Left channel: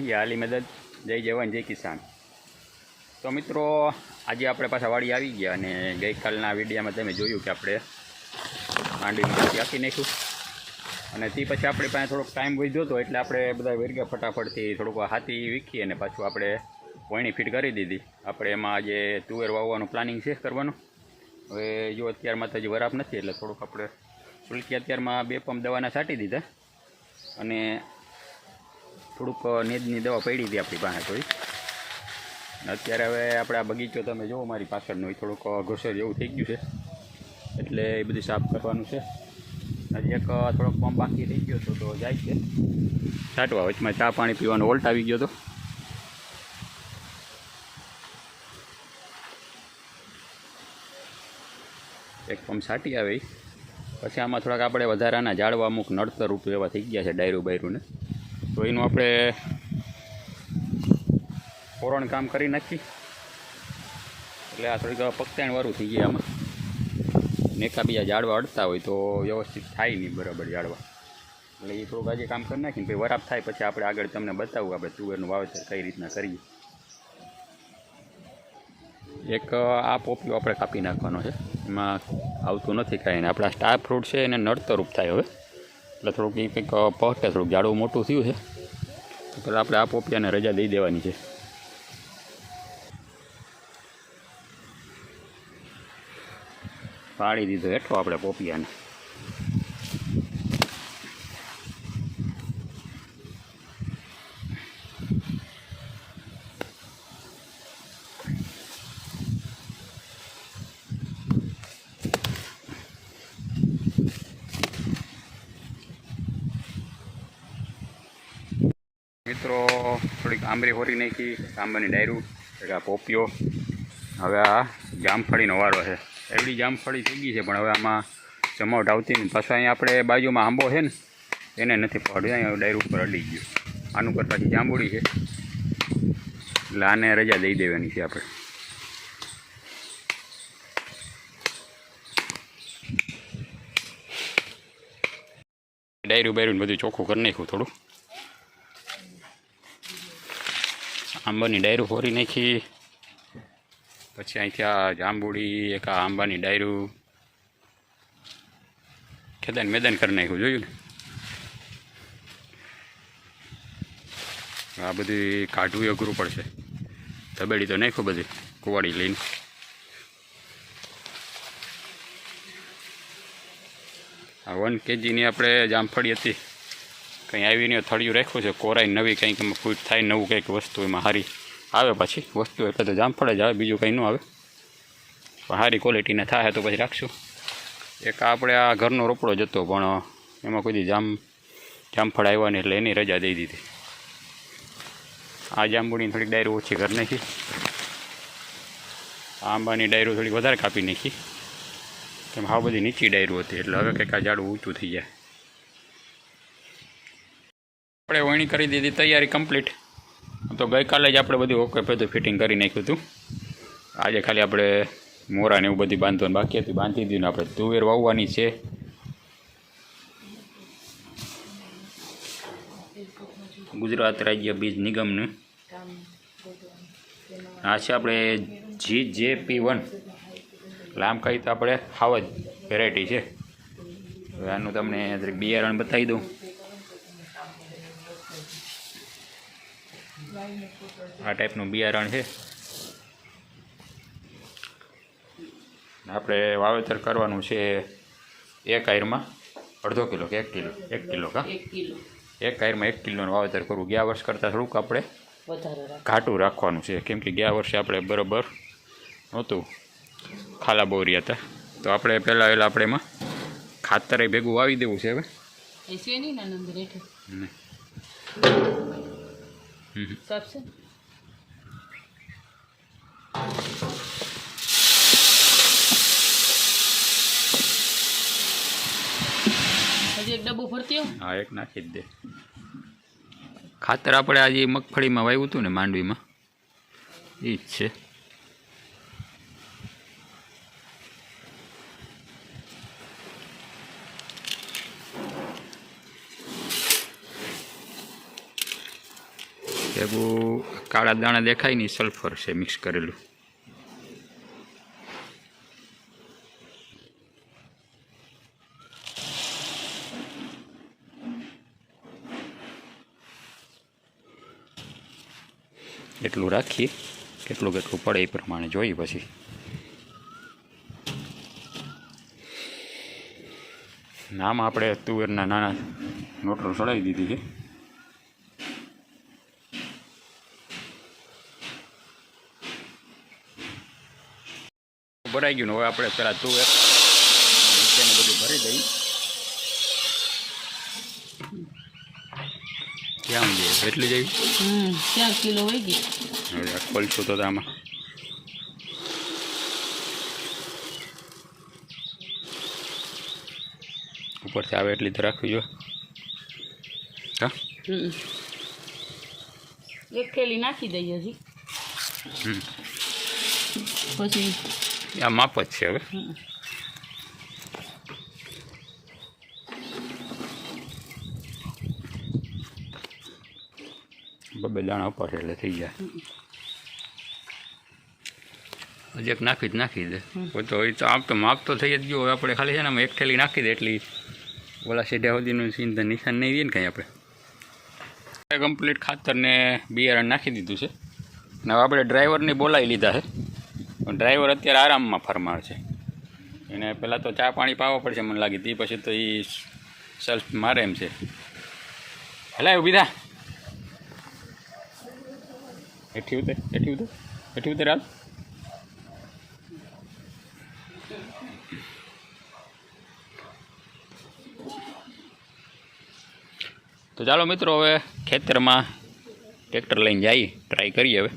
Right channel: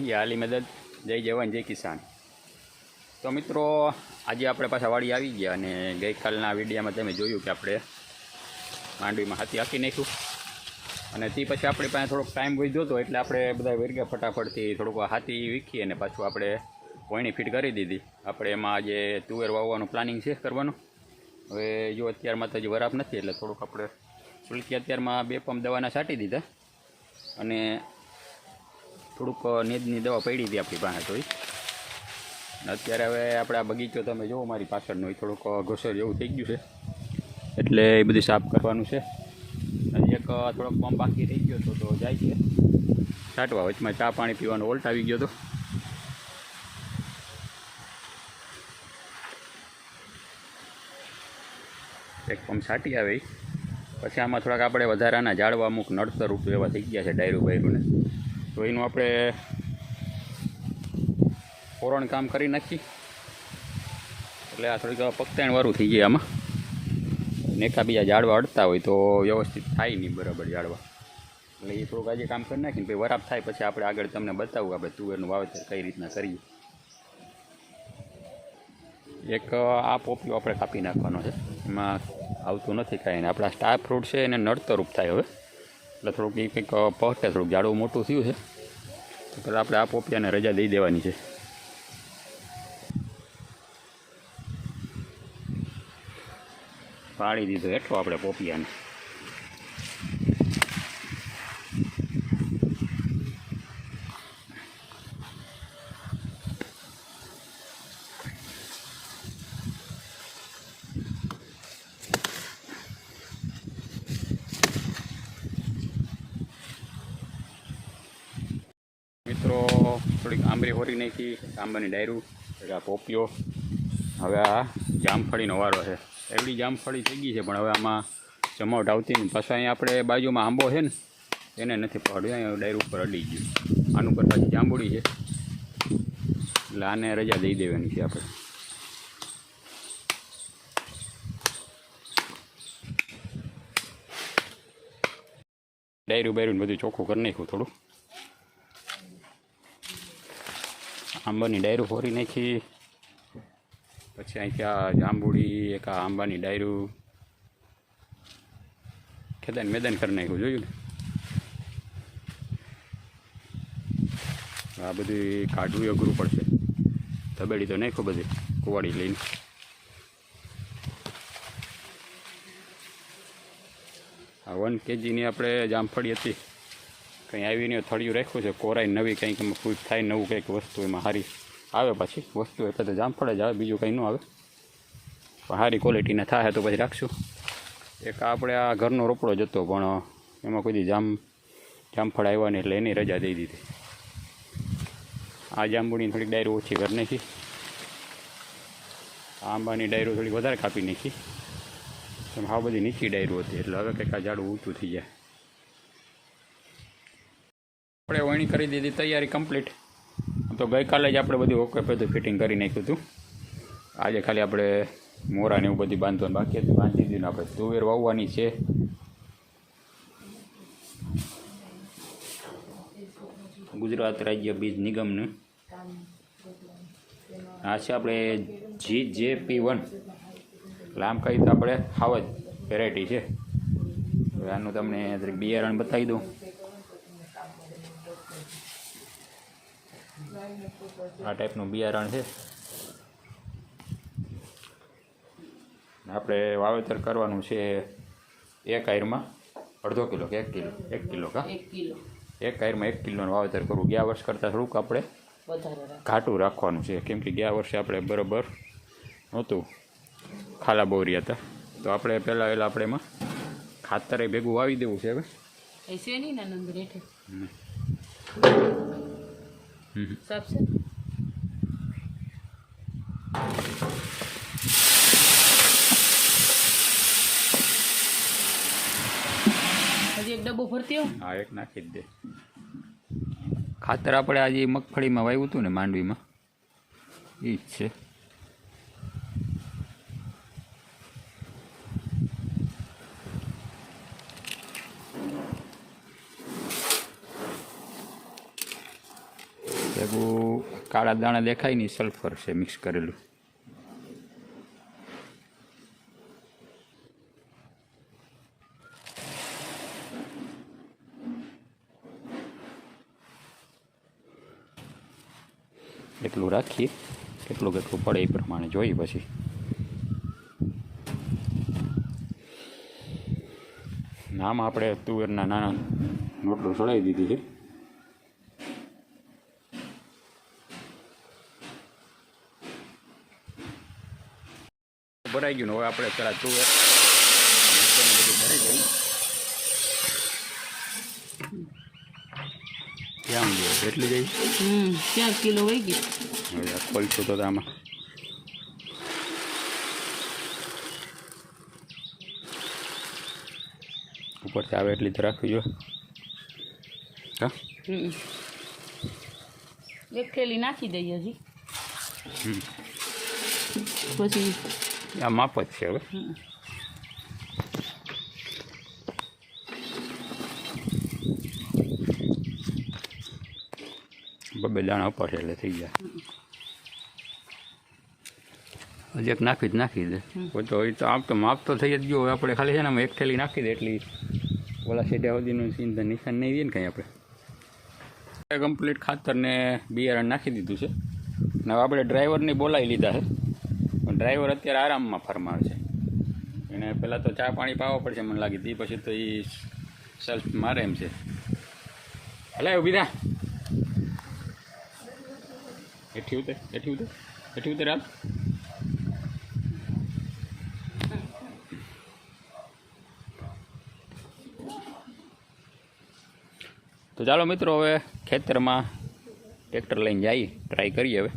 યા આલી મદદ. જય જવાન, જય કિસાન. તો મિત્રો, આજે આપણે પાછા વાડી આવી ગયા અને ગઈકાલના વિડીયામાં તમે જોયું કે આપણે માંડવીમાં હાથી આપી નાખ્યું. અને તે પછી આપણી પાસે થોડોક ટાઈમ વધ્યો હતો એટલે આપણે બધા વેરગા ફટાફટથી થોડુંક હાથી વીખી અને પાછું આપણે વણી ફીટ કરી દીધી. આપણે એમાં આજે તુવેર વાવવાનું પ્લાનિંગ છે કરવાનું. હવે જો અત્યારમાં તો હજી વરાપ નથી એટલે થોડુંક આપણે સુલકી અત્યારમાં બે પંપ દવાના છાંટી દીધા. અને થોડુંક નીદની દવા પડી હતી આપણી પાસે થોડી અત્યારે હવે આપણે આ બગીચો તમે જુઓ, મારી પાછળનો એ થોડુંક ઘોસર જેવું થઈ ગયું છે. એટલે એ બધું સાફ કરવાનું છે. હજી એક થોડોક પંપ બાકી રહી ગયો હતો તો જાય છે. છાંટવા વચમાં ચા પાણી પીવાનો ઓલ્ટ આવી ગયો હતો. એક પંપ છાંટી આવે પછી આમાં થોડાક આપણે વધારાના ઝાડવા અમુક નડતર રૂપ એવા થઈ ગયા છે ડાયરું બાયરુંને તો એનું આપણે ફોરણ કામ કરી નાખી. એટલે આ થોડીક પગતાણવાળું થઈ જાય આમાં. નેખા બીજા ઝાડવા અડતા હોય તો વ્યવસ્થિત થાય નહીં બરાબર ઝાડવા. એટલે એ થોડુંક આજે કામ કરી નાખીને પછી વરાપ થાય પછી આપણે આગળ તમને બતાવું આપણે તુવેરનું વાવેતર કઈ રીતના કરીએ. એક આ પોપીઓ આપણે કાપી નાખવાનો છે. એમાં આવતું નથી કાંઈ. આપણા સ્ટાર ફ્રૂટ છે એને નડતરૂપ થાય હવે. એટલે થોડુંક એ કંઈક પહોંચે, થોડુંક ઝાડવું મોટું થયું છે. પહેલાં આપણે આ પોપિયાને રજા દઈ દેવાની છે. પાડી દીધો હેઠો આપણે પોપિયાને. મિત્રો, થોડીક આંબરી હોરી નાખી, આંબાની ડાયરું આ પોપિયો. હવે આ જામફળીનો વારો છે. એવડી જામફળી થઈ ગઈ છે, પણ હવે આમાં જમાવટ આવતી નહીં પાછા અહીંયા આપણે બાજુમાં આંબો છે ને, એને નથી પડ્યું. અહીંયા ડાયરું ઉપર અડી ગયું. આનું કરતાં જાંબુડી છે. એટલે આને રજા દઈ દેવાની છે આપણે. ડાયરું બાયરું બધું ચોખ્ખું કરી નાખ્યું થોડું. આંબાની ડાયરું ફોરી નાખી. પછી અહીંથી આ જાંબુડી, એક આ આંબાની ડાયરું. ખેદાન મેદાન કરી નાખ્યું, જોયું ને? આ બધું કાઢવું અઘરું પડશે. તબેડી તો નાખ્યું બધી, કુવાડી લઈને. આ વન કેજીની આપણે જામફળી હતી. કંઈ આવીને થળિયું રાખ્યું છે, કોરાઈ નવી કંઈક એમાં ફૂટ થાય નવું કંઈક વસ્તુ એમાં સારી આવે પછી, વસ્તુ એટલે તો જામફળ જ આવે, બીજું કંઈ ન આવે. પણ સારી ક્વોલિટીના થાય તો પછી રાખશું. એક આપણે આ ઘરનો રોપડો જ હતો, પણ એમાં કોઈ જામ જામફળ આવ્યા નહીં એટલે એની રજા દઈ દીધી. આ જાંબુડીની થોડીક ડાયરો ઓછી કરી નાખી. આંબાની ડાયરો થોડીક વધારે કાપી નાખી. કેમ આ બધી નીચી ડાયરો હતી, એટલે હવે કંઈક આ ઝાડું ઊંચું થઈ જાય. આપણે વણી કરી દીધી, તૈયારી કમ્પ્લીટ તો ગઈકાલે જ આપણે બધું ઓકે બધું ફિટિંગ કરી નાખ્યું હતું. આજે ખાલી આપણે મોરાને એવું બધી બાંધવાનું બાકી હતું. બાંધી દીધું ને આપણે તુવેર વાવવાની છે. ગુજરાત રાજ્ય બીજ નિગમનું. આ છે આપણે જી જે પી વન. લાંબ કહી તો આપણે હાવ જ વેરાયટી છે. હવે આનું તમને બિયારણ બતાવી દઉં. આ ટાઈપનું બિયારણ છે. આપણે વાવેતર કરવાનું છે એક આયરમાં. અડધો કિલો કે એક કિલો? એક કિલો કા? એક આયરમાં એક કિલોનું વાવેતર કરવું. ગયા વર્ષ કરતાં થોડુંક આપણે ઘાટું રાખવાનું છે. કેમ કે ગયા વર્ષે આપણે બરાબર નહોતું. ખાલા બોરિયા હતા. તો આપણે પહેલાં પહેલાં આપણે એમાં ખાતરે ભેગું વાવી દેવું છે હવે. सबसे હજી એક ડબ્બો ભરતી હો હા એક નાખી જ દે ખાતર આપણે આજે મગફળીમાં વાવ્યું હતું ને માંડવીમાં એ જ છે ભેગું કાળા દાણા દેખાય નહીં સલ્ફર છે મિક્સ કરેલું. એટલું રાખીએ કેટલું કેટલું પડે એ પ્રમાણે જોઈએ પછી. નામ આપણે તુવેરના નાના નોટલું ચડાવી દીધી છે. ભરાઈ ગયું હવે આપણે પેલા તુવેર મૂકવાનું બધું ભરી દઈ. ક્યાં ઊંધી એટલી જઈ? હમ ક્યાં કિલો હોય ગઈ. હવે ખોલશું તો આમાં. ઉપરથી આવે એટલી તો રાખવી જોઈએ હા? એક થેલી નાખી દઈએ હજી. પછી આ માપ જ છે હવે. બબે દાણા ઉપર છે એટલે થઈ જાય. હજી એક નાખી જ નાખી દે. તો એ તો આમ તો માપ તો થઈ જ ગયો હવે આપણે ખાલી છે ને એક થેલી નાખી દે એટલી ઓલા સીધા સુધીનું તો નિશાન નહીં દે ને કંઈ આપણે. કમ્પ્લીટ ખાતર ને બિયારણ નાખી દીધું છે. અને હવે આપણે ડ્રાઈવરને બોલાવી લીધા છે. ડ્રાઈવર અત્યારે આરામમાં ફરમાળ છે. એને પહેલાં તો ચા પાણી પાવો પડશે મને લાગી હતી પછી તો એ સેલ્ફ મારે એમ છે. એટલે ઊભી થા. હેઠી ઉતર હેઠી ઉતર હેઠી ઉતર, હાલ. તો ચાલો મિત્રો, હવે ખેતરમાં ટ્રેક્ટર લઈને જઈએ ટ્રાય કરીએ હવે.